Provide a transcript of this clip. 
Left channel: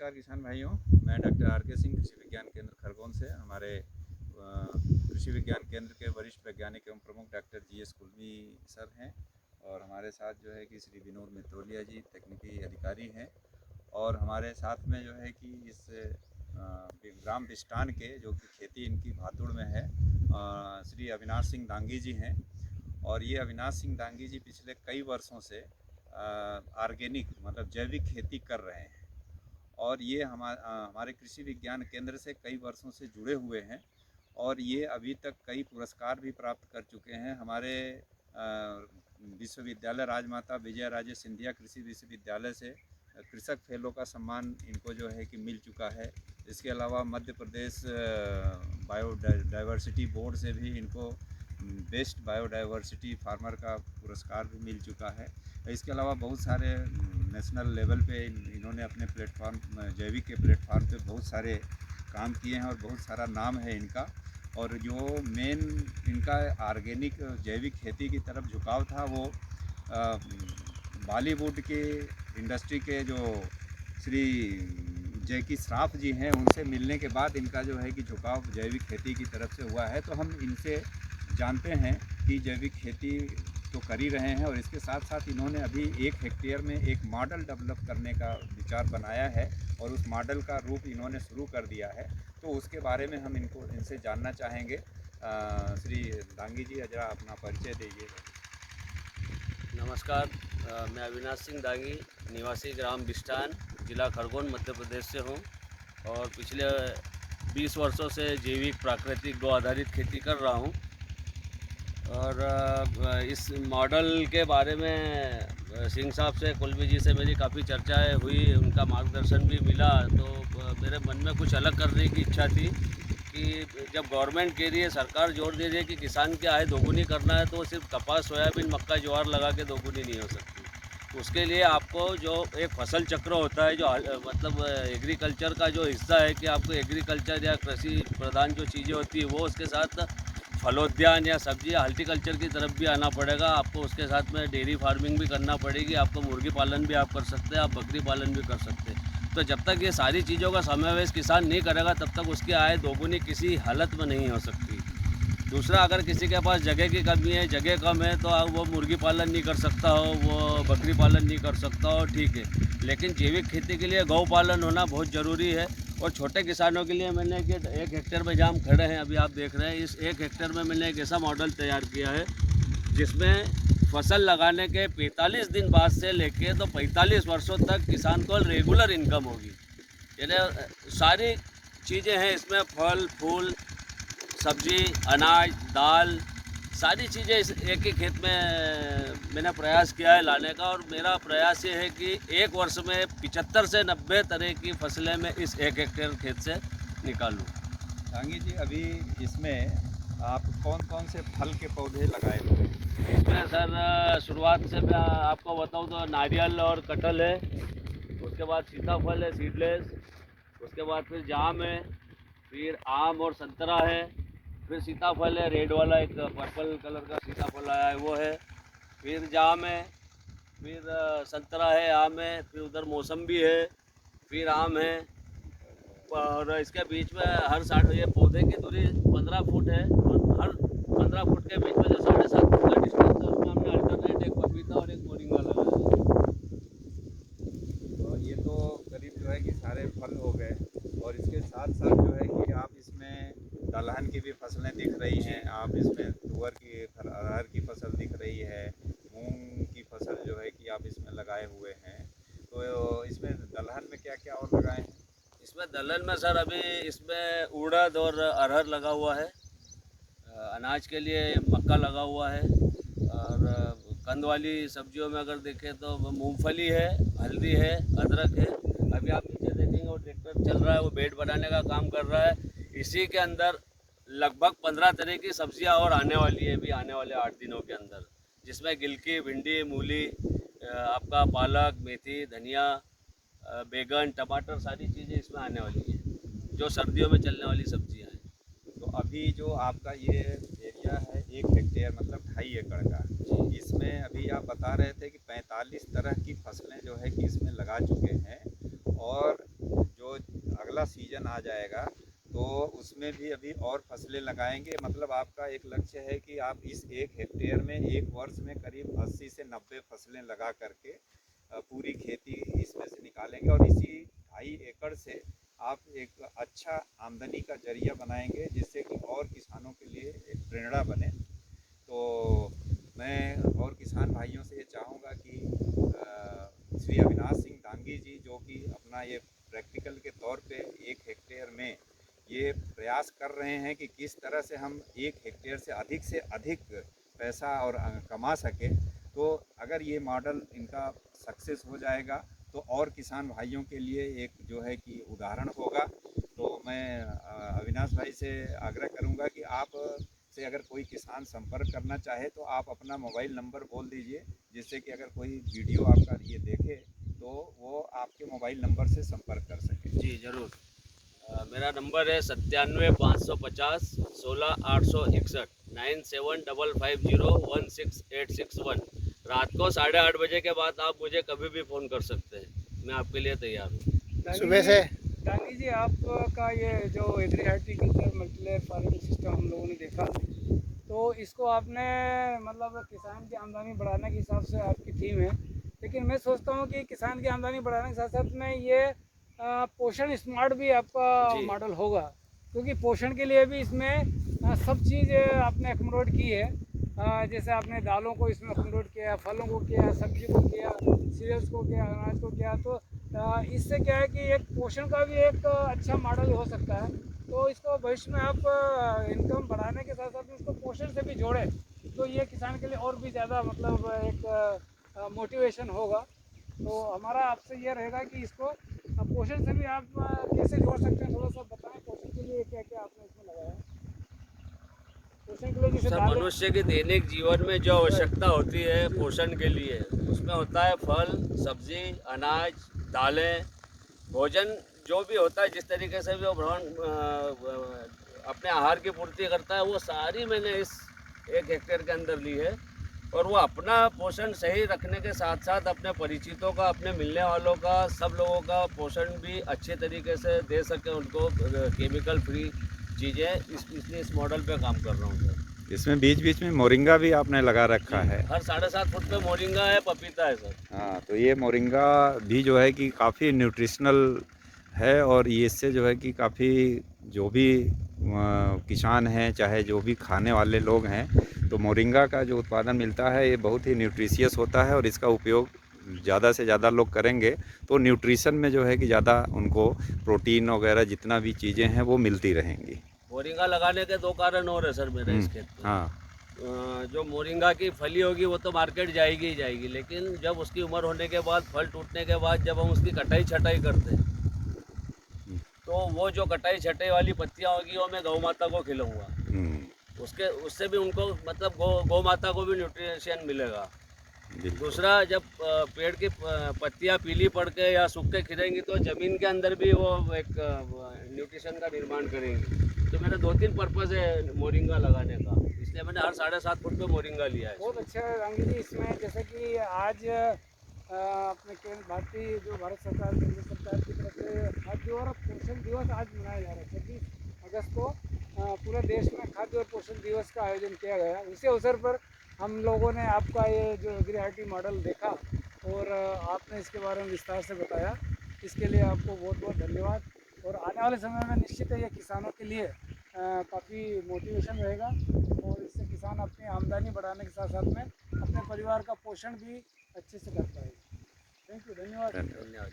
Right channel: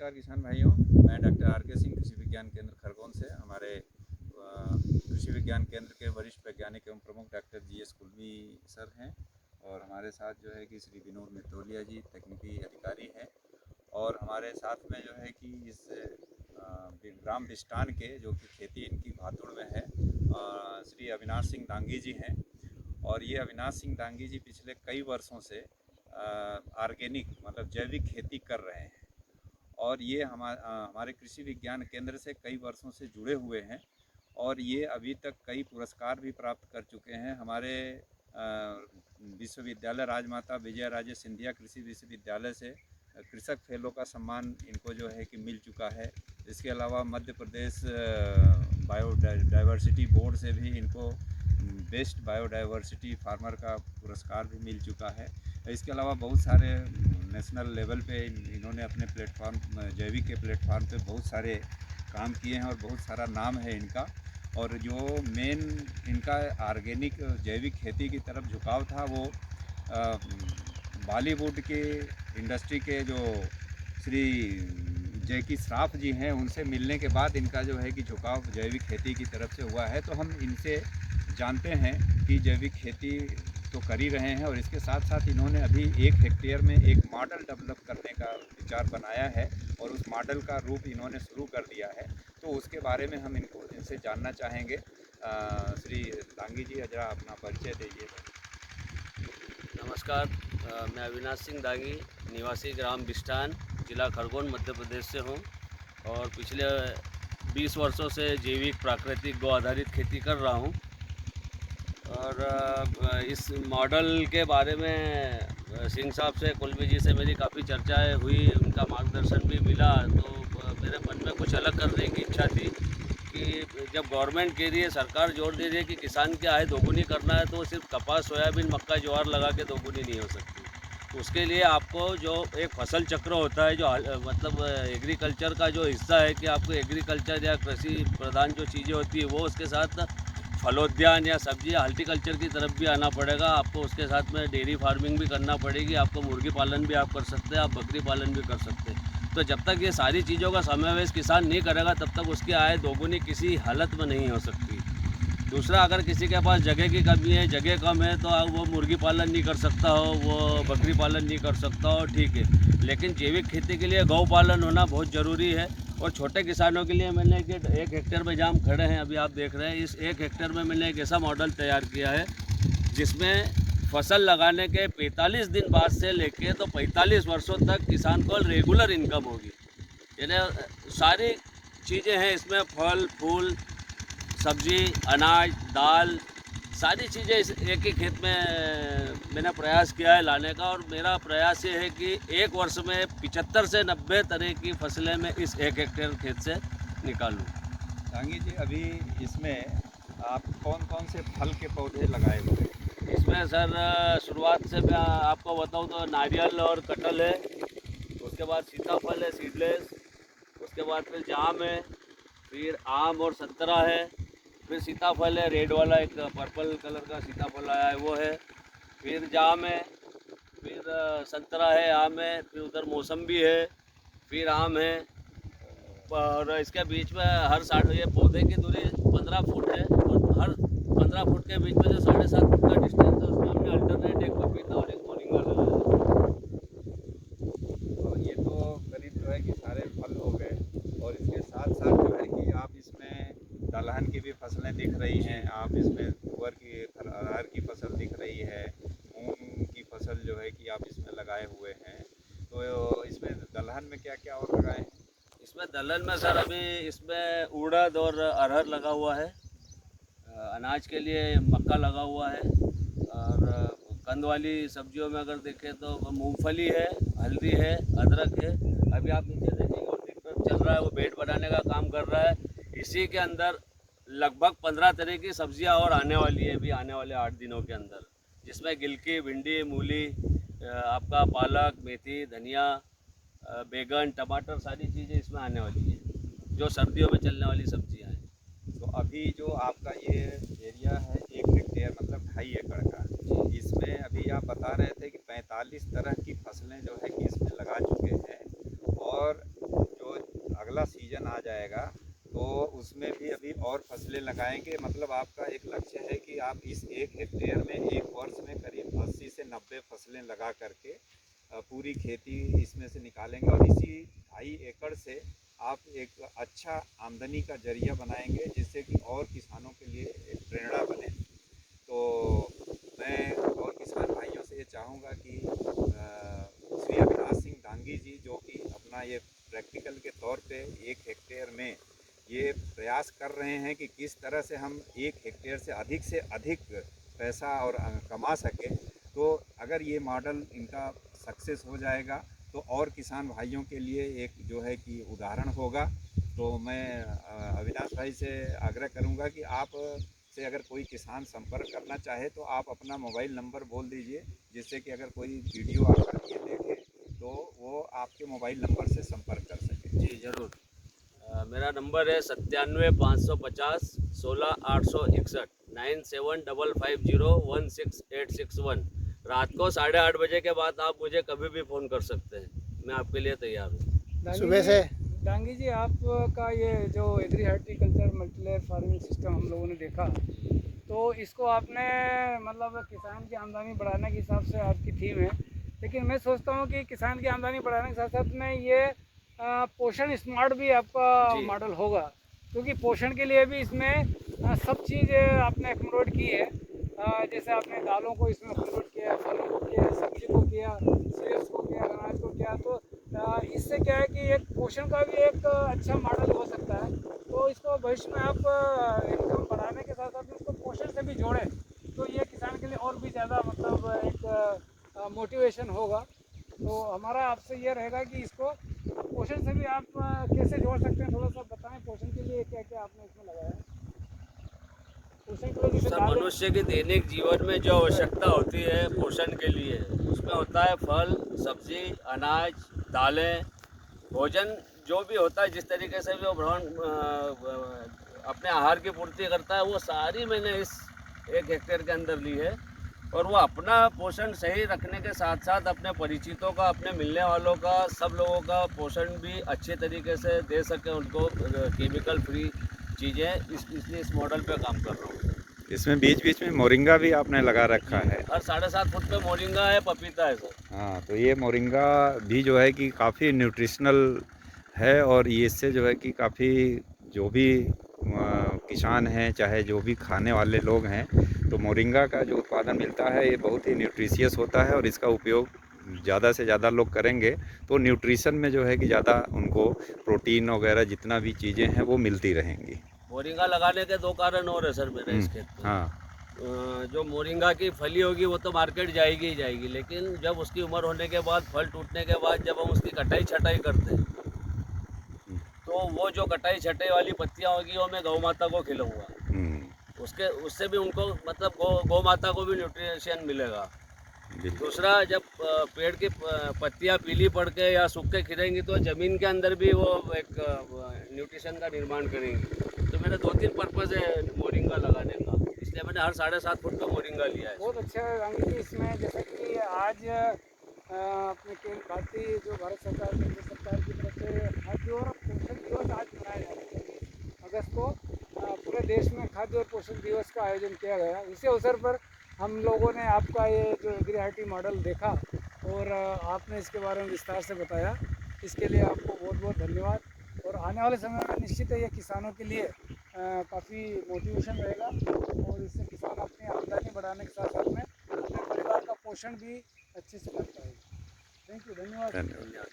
नमस्कार किसान भाइयों, मैं डॉक्टर आर के सिंह कृषि विज्ञान केंद्र खरगोन से हमारे कृषि विज्ञान केंद्र के वरिष्ठ वैज्ञानिक एवं प्रमुख डॉक्टर जी.एस. कुलवी सर हैं और हमारे साथ जो है कि श्री विनोद मित्तोलिया जी तकनीकी अधिकारी हैं और हमारे साथ में जो है कि इस ग्राम बिस्टान के जो कि खेती इनकी भातुड़ में है श्री अविनाश सिंह दांगी जी हैं और ये अविनाश सिंह दांगी जी पिछले कई वर्षों से ऑर्गेनिक मतलब जैविक खेती कर रहे हैं और ये हमारे कृषि विज्ञान केंद्र से कई वर्षों से जुड़े हुए हैं और ये अभी तक कई पुरस्कार भी प्राप्त कर चुके हैं। हमारे विश्वविद्यालय राजमाता विजय राजे सिंधिया कृषि विश्वविद्यालय से कृषक फेलो का सम्मान इनको जो है कि मिल चुका है। इसके अलावा मध्य प्रदेश बायोडाइवर्सिटी बोर्ड से भी इनको बेस्ट बायोडाइवर्सिटी फार्मर का पुरस्कार भी मिल चुका है। इसके अलावा बहुत सारे नेशनल लेवल पे इन्होंने अपने प्लेटफॉर्म जैविक के प्लेटफॉर्म पे बहुत सारे काम किए हैं और बहुत सारा नाम है इनका। और जो मेन इनका ऑर्गेनिक जैविक खेती की तरफ झुकाव था वो बॉलीवुड के इंडस्ट्री के जो श्री जैकी श्रॉफ जी हैं उनसे मिलने के बाद इनका जो है कि झुकाव जैविक खेती की तरफ से हुआ है। तो हम इनसे जानते हैं कि जैविक खेती तो कर ही रहे हैं और इसके साथ साथ इन्होंने अभी 1 हेक्टेयर में एक मॉडल डेवलप करने का विचार बनाया है और उस मॉडल का रूप इन्होंने शुरू कर दिया है। तो उसके बारे में हम इनसे जानना चाहेंगे। श्री दांगी जी जरा अपना परिचय दीजिए। नमस्कार, मैं अविनाश सिंह दांगी निवासी ग्राम बिस्टान जिला खरगोन मध्य प्रदेश से हूँ और पिछले 20 वर्षों से जैविक प्राकृतिक गौ आधारित खेती कर रहा हूँ। और इस मॉडल के बारे में सिंह साहब से कुलवी जी से मेरी काफ़ी चर्चाएं हुई, उनका मार्गदर्शन भी मिला। तो मेरे मन में कुछ अलग करने की इच्छा थी कि जब गवर्नमेंट के लिए सरकार जोर दे रही है कि किसान की आय दोगुनी करना है तो सिर्फ कपास सोयाबीन मक्का ज्वार लगा के दोगुनी नहीं हो सकती। उसके लिए आपको जो एक फसल चक्र होता है, जो मतलब एग्रीकल्चर का जो हिस्सा है कि आपको एग्रीकल्चर या कृषि प्रधान जो चीज़ें होती है वो उसके साथ फलोद्यान या सब्जी या हॉर्टिकल्चर की तरफ भी आना पड़ेगा। आपको उसके साथ में डेयरी फार्मिंग भी करना पड़ेगी। आपको मुर्गी पालन भी आप कर सकते हैं, आप बकरी पालन भी कर सकते हैं। तो जब तक ये सारी चीज़ों का समावेश किसान नहीं करेगा तब तक उसकी आय दोगुनी किसी हालत में नहीं हो सकती। दूसरा, अगर किसी के पास जगह की कमी है, जगह कम है, तो वो मुर्गी पालन नहीं कर सकता हो, वो बकरी पालन नहीं कर सकता हो, ठीक है। लेकिन जैविक खेती के लिए गौ पालन होना बहुत ज़रूरी है। और छोटे किसानों के लिए मैंने कि 1 हेक्टेयर में जहाँ हम खड़े हैं अभी आप देख रहे हैं, इस 1 हेक्टेयर में मैंने एक ऐसा मॉडल तैयार किया है जिसमें फसल लगाने के 45 दिन बाद से लेके तो 45 वर्षों तक किसान को रेगुलर इनकम होगी। यानी सारी चीज़ें हैं इसमें, फल फूल सब्जी अनाज दाल सारी चीज़ें इस एक ही खेत में मैंने प्रयास किया है लाने का। और मेरा प्रयास ये है कि 1 वर्ष में 75 से 90 तरह की फसलें मैं इस 1 हेक्टेयर खेत से निकालूं। दांगी जी, अभी इसमें आप कौन कौन से फल के पौधे लगाए हुए हैं? इसमें सर शुरुआत से मैं आपको बताऊं तो नारियल और कटहल है, उसके बाद सीताफल है सीडलेस, उसके बाद फिर जाम है, फिर आम और संतरा है, फिर सीताफल है रेड वाला, एक पर्पल कलर का सीताफल आया है वो है, फिर जाम है, फिर संतरा है, आम है, फिर उधर मौसम्बी है, फिर आम है। और इसके बीच में हर 60 ये पौधे की दूरी 15 फुट है और हर 15 फुट के बीच में जो 7.5 फुट का डिस्टेंस है उसमें हमने अल्टरनेट एक पपीता और एक मोरिंगा लगाया है। और ये तो करीब जो है कि सारे फल हो गए और इसके साथ साथ जो है कि आप इसमें दलहन की भी फसलें दिख रही हैं, आप इसमें तुअर की अरहर की फसल दिख रही है, मूंग की फसल जो है कि आप इसमें लगाए हुए हैं। तो इसमें दलहन में क्या क्या और लगाए हैं? इसमें दलहन में सर अभी इसमें उड़द और अरहर लगा हुआ है, अनाज के लिए मक्का लगा हुआ है, और कंद वाली सब्जियों में अगर देखें तो मूंगफली है, हल्दी है, अदरक है। अभी आप नीचे देखेंगे वो ट्रैक्टर चल रहा है, वो बेड बनाने का काम कर रहा है। इसी के अंदर लगभग 15 तरह की सब्जियां और आने वाली है अभी आने वाले 8 दिनों के अंदर, जिसमें गिलकी, भिंडी, मूली, आपका पालक, मेथी, धनिया, बैगन, टमाटर सारी चीज़ें इसमें आने वाली है जो सर्दियों में चलने वाली सब्जियां हैं। तो अभी जो आपका ये एरिया है 1 हेक्टेयर मतलब 2.5 एकड़ का, इसमें अभी आप बता रहे थे कि 45 तरह की फसलें जो है कि इसमें लगा चुके हैं और अगला सीजन आ जाएगा तो उसमें भी अभी और फसलें लगाएंगे। मतलब आपका एक लक्ष्य है कि आप इस 1 हेक्टेयर में एक वर्ष में करीब 80 से 90 फसलें लगा करके पूरी खेती इसमें से निकालेंगे और इसी 2.5 एकड़ से आप एक अच्छा आमदनी का जरिया बनाएंगे, जिससे कि और किसानों के लिए एक प्रेरणा बने। तो मैं और किसान भाइयों से ये चाहूँगा कि श्री अविनाश सिंह डांगी जी, जो कि अपना ये प्रैक्टिकल के तौर पे 1 हेक्टेयर में ये प्रयास कर रहे हैं कि किस तरह से हम 1 हेक्टेयर से अधिक पैसा और कमा सकें। तो अगर ये मॉडल इनका सक्सेस हो जाएगा तो और किसान भाइयों के लिए एक जो है कि उदाहरण होगा। तो मैं अविनाश भाई से आग्रह करूंगा कि आप से अगर कोई किसान संपर्क करना चाहे तो आप अपना मोबाइल नंबर बोल दीजिए, जिससे कि अगर कोई वीडियो आपका ये देखे तो वो आपके मोबाइल नंबर से संपर्क कर सके। जी ज़रूर। मेरा नंबर है 97 550 16 861 9755016861। रात को 8:30 बजे के बाद आप मुझे कभी भी फ़ोन कर सकते हैं, मैं आपके लिए तैयार हूँ। सुबह से डांगी जी, आपका ये जो agri horticulture multilayer farming system हम लोगों ने देखा, तो इसको आपने मतलब किसान की आमदनी बढ़ाने के हिसाब से आपकी थीम है, लेकिन मैं सोचता हूँ कि किसान की आमदनी बढ़ाने के साथ साथ में ये पोषण स्मार्ट भी आपका जी। मॉडल होगा, क्योंकि पोषण के लिए भी इसमें सब चीज़ आपने अकोमोडेट की है। जैसे आपने दालों को इसमें अकोमोडेट किया, फलों को किया, सब्जी को किया, सीरियल्स को किया, अनाज को किया, तो इससे क्या है कि एक पोषण का भी एक अच्छा मॉडल हो सकता है। तो इसको भविष्य में आप इनकम बढ़ाने के साथ साथ इसको पोषण से भी जोड़ें, तो ये किसान के लिए और भी ज़्यादा मतलब एक मोटिवेशन होगा। तो हमारा आपसे ये रहेगा कि इसको पोषण से भी आप कैसे जोड़ सकते हैं, थोड़ा सा बताएं। पोषण के लिए क्या क्या आपने इसमें लगाया है? पोषण के लिए जैसे सर, मनुष्य के दैनिक जीवन में जो आवश्यकता होती है पोषण के लिए, उसमें होता है फल, सब्जी, अनाज, दालें, भोजन जो भी होता है, जिस तरीके से वो अपने आहार की पूर्ति करता है, वो सारी मैंने इस 1 हेक्टेयर के अंदर ली है। और वो अपना पोषण सही रखने के साथ साथ अपने परिचितों का, अपने मिलने वालों का, सब लोगों का पोषण भी अच्छे तरीके से दे सके उनको, केमिकल फ्री चीज़ें, इसलिए इस मॉडल पे काम कर रहा हूँ सर। इसमें बीच बीच में मोरिंगा भी आपने लगा रखा है। हर 7.5 फुट पे मोरिंगा है, पपीता है सर। हाँ, तो ये मोरिंगा भी जो है कि काफ़ी न्यूट्रिशनल है और ये इससे जो है कि काफ़ी जो भी किसान हैं, चाहे जो भी खाने वाले लोग हैं, तो मोरिंगा का जो उत्पादन मिलता है ये बहुत ही न्यूट्रिशियस होता है और इसका उपयोग ज़्यादा से ज़्यादा लोग करेंगे तो न्यूट्रिशन में जो है कि ज़्यादा उनको प्रोटीन वगैरह जितना भी चीज़ें हैं वो मिलती रहेंगी। मोरिंगा लगाने के 2 कारण और है सर मेरे इस खेत पे। हाँ। जो मोरिंगा की फली होगी वो तो मार्केट जाएगी ही जाएगी, लेकिन जब उसकी उम्र होने के बाद, फल टूटने के बाद जब हम उसकी कटाई छटाई करते हैं, तो वो जो कटाई छटाई वाली पत्तियां होगी वो मैं गौ माता को खिलाऊंगा। उससे भी उनको मतलब गौ माता को भी न्यूट्रिशन मिलेगा। दूसरा, जब पेड़ की पत्तियां पीली पड़ के या सूख के खिलेंगी तो ज़मीन के अंदर भी वो एक न्यूट्रिशन का निर्माण करेंगी। तो मेरा 2-3 पर्पज़ है मोरिंगा लगाने का, इसलिए मैंने हर 7.5 फुट पे मोरिंगा लिया है। बहुत अच्छा है रांगी जी। इसमें जैसे कि आज अपने भारतीय जो भारत सरकार, केंद्र सरकार की तरफ से खाद्य और पोषण दिवस आज मनाया जा रहा है। 24 अगस्त को पूरे देश में खाद्य और पोषण दिवस का आयोजन किया गया। उसी अवसर पर हम लोगों ने आपका ये जो एग्री हार्टी मॉडल देखा और आपने इसके बारे में विस्तार से बताया, इसके लिए आपको बहुत बहुत धन्यवाद। और आने वाले समय में निश्चित है ये किसानों के लिए काफ़ी मोटिवेशन रहेगा और इससे किसान अपनी आमदनी बढ़ाने के साथ साथ में अपने परिवार का पोषण भी अच्छे से कर पाएगा। थैंक यू, धन्यवाद। धन्यवाद।